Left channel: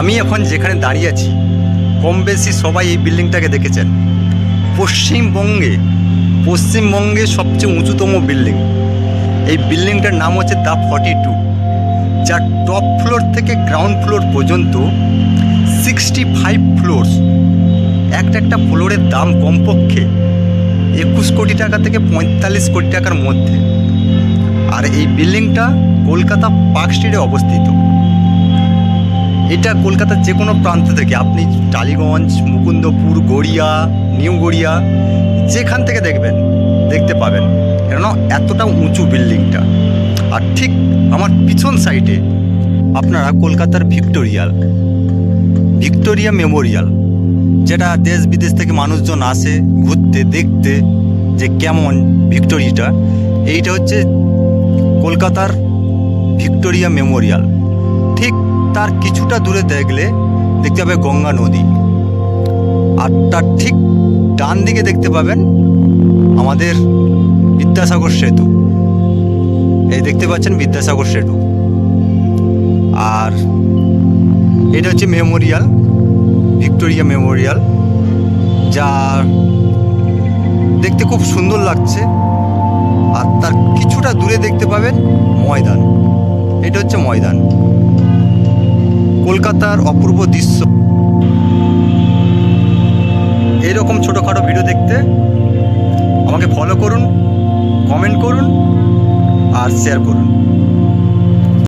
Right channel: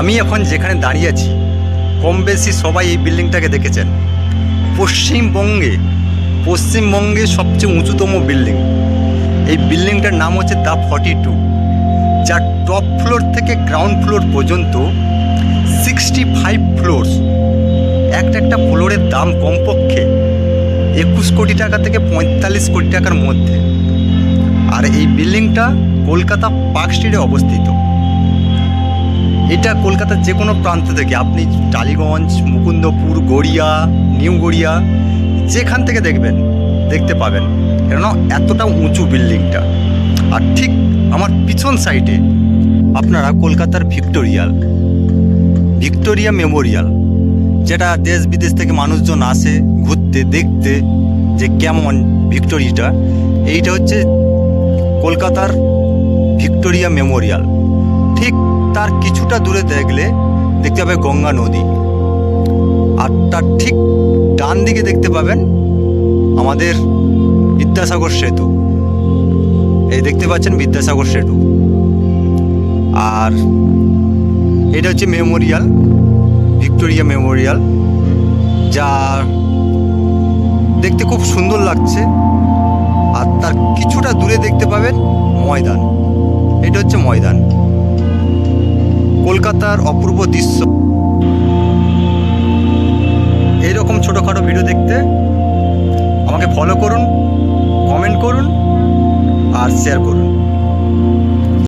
আমি এখন যেখানে দাঁড়িয়ে আছি কম বেশি সবাই এই বিল্ডিংটাকে দেখেছেন। পশ্চিমবঙ্গে সবচেয়ে উঁচুতম বিল্ডিং। এই বিল্ডিংটার নাম হচ্ছে দ্য 42, যার টপ ফ্লোর থেকে গ্রাউন্ড ফ্লোর পর্যন্ত 65 ফ্লোরস। একটা ফ্লোরের দাম কমপক্ষে 21 কোটি টাকা থেকে 45 কোটি টাকার মধ্যে। আর এই বিল্ডিংটা কলকাতা পার্ক স্ট্রিটে অবস্থিত। এটা কলকাতার যে কোনো প্রান্ত থেকে আপনি টালিগঞ্জ, মুকুন্দপুর, গড়িয়া, নিউ গড়িয়া যেখান থেকে দেখতে পাবেন, কেননা এতটা উঁচু বিল্ডিংটা। আর ঠিক আমার পিছন সাইডে আপনারা কলকাতার ভিক্টোরিয়া মেমোরিয়াল, যেটা দেশ বিদেশ থেকে মানুষজন আসে ঘুরতে দেখতে যে কেমন ভিক্টোরিয়াটা। এইটা হচ্ছে কলকাতার ভিক্টোরিয়া মেমোরিয়াল। ঠিক তার কিছুটা দূরে দেখতে পাবে গঙ্গা নদী, আর তার ঠিক ডান দিকে দেখতে পাবেন আমাদের বিদ্যাসাগর সেতু। এই দেখতে পাচ্ছেন বিদ্যাসাগর সেতু। আর এটা হচ্ছে মেমোরিয়াল, ভিক্টোরিয়া মেমোরিয়াল, যা দেখতে খুব সুন্দর লাগছে। আর তার কিছুটা দূরে দেখতে পাবেন ময়দান। এটা হচ্ছে ময়দান, কলকাতার অপূর্ব দৃশ্য। এইরকম ছোটোখাটো ভিডিও দেখতে আমাকে ফলো করুন, কমেন্ট করুন আর শেয়ার করুন।